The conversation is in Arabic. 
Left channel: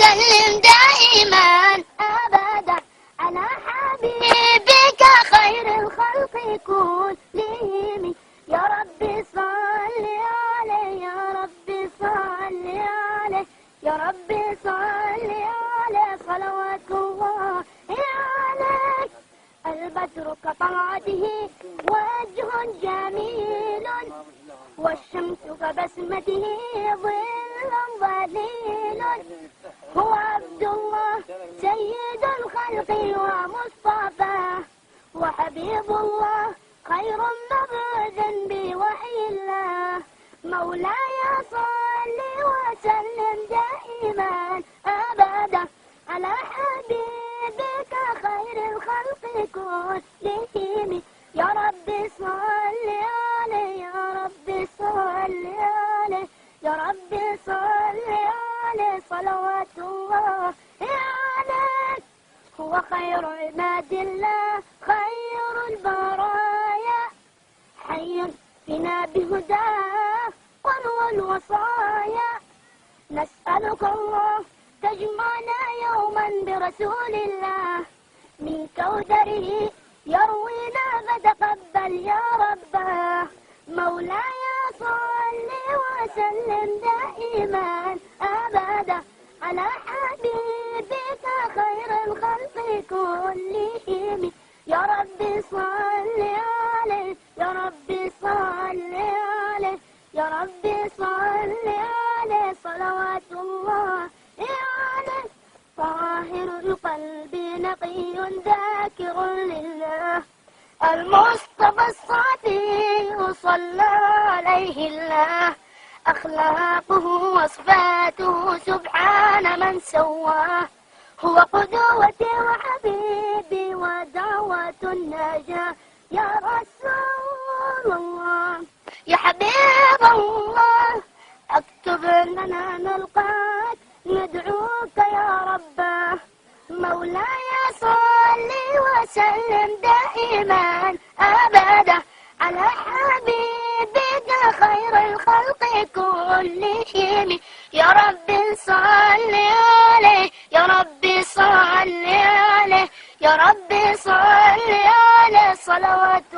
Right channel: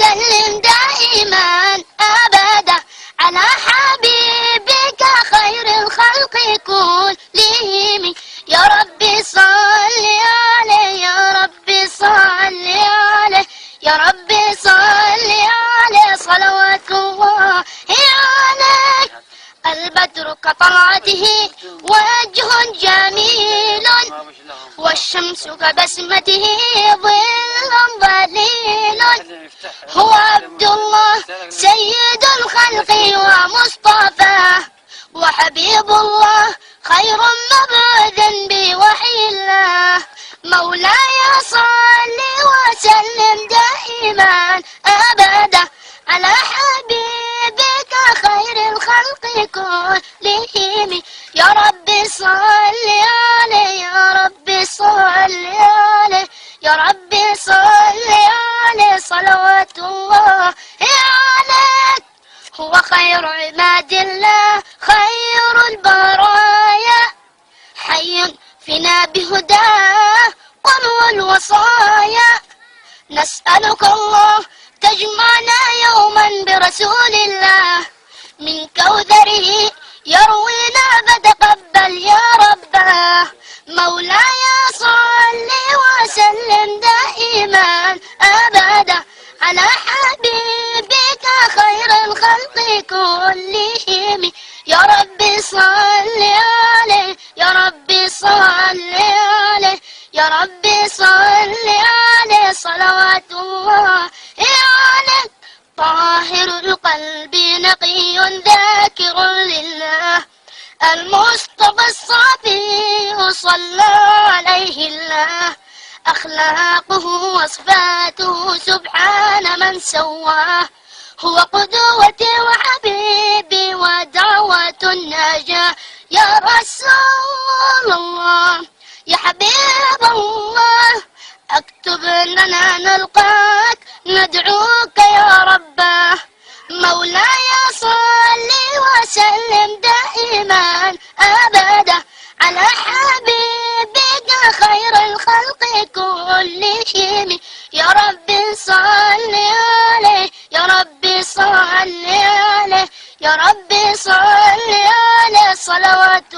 وسلم دائما أبدا على حبيبك خير الخلق كلهم. يا ربي صل عليه يا ربي صل عليه يا ربي صل عليه صلوات الله عليه. البدر كطلعته وجه جميل والشمس كبسمته ظل ظليل. هو عبد الله سيد الخلق ومصطفاه وحبيب الله خير مبعوث بوحي الله. مولاي صل وسلم دائما أبدا على حبيبك خير الخلق كلهم. يا ربي صل عليه يا ربي صل عليه يا ربي صل عليه صلوات الله عليك. هو خير عباد الله خير البرايا حي فينا بهداه قنو الوصايا. نسألك الله تجمعنا يوما برسول الله من كوثره يروينا فتقبل يا رباه. مولاي صل وسلم دائما أبدا على حبيبك خير الخلق كلهم. يا ربي صل عليه يا ربي صل عليه يا ربي صل عليه صلوات الله عليه. طاهر القلب نقي ذاكر لله المصطفى الصافي صلى عليه الله. أخلاقه وصفاته سبحان من سواه. هو قدوتي وحبيبي ودعوة النجاة. يا رسول الله يا حبيب الله اكتب لنا نلقاك ندعوك يا رباه. مولاي صل وسلم دائما أبدا على حبيبك خير الخلق كلهم. يا ربي صل عليه يا ربي صل عليه يا ربي صل عليه صلوات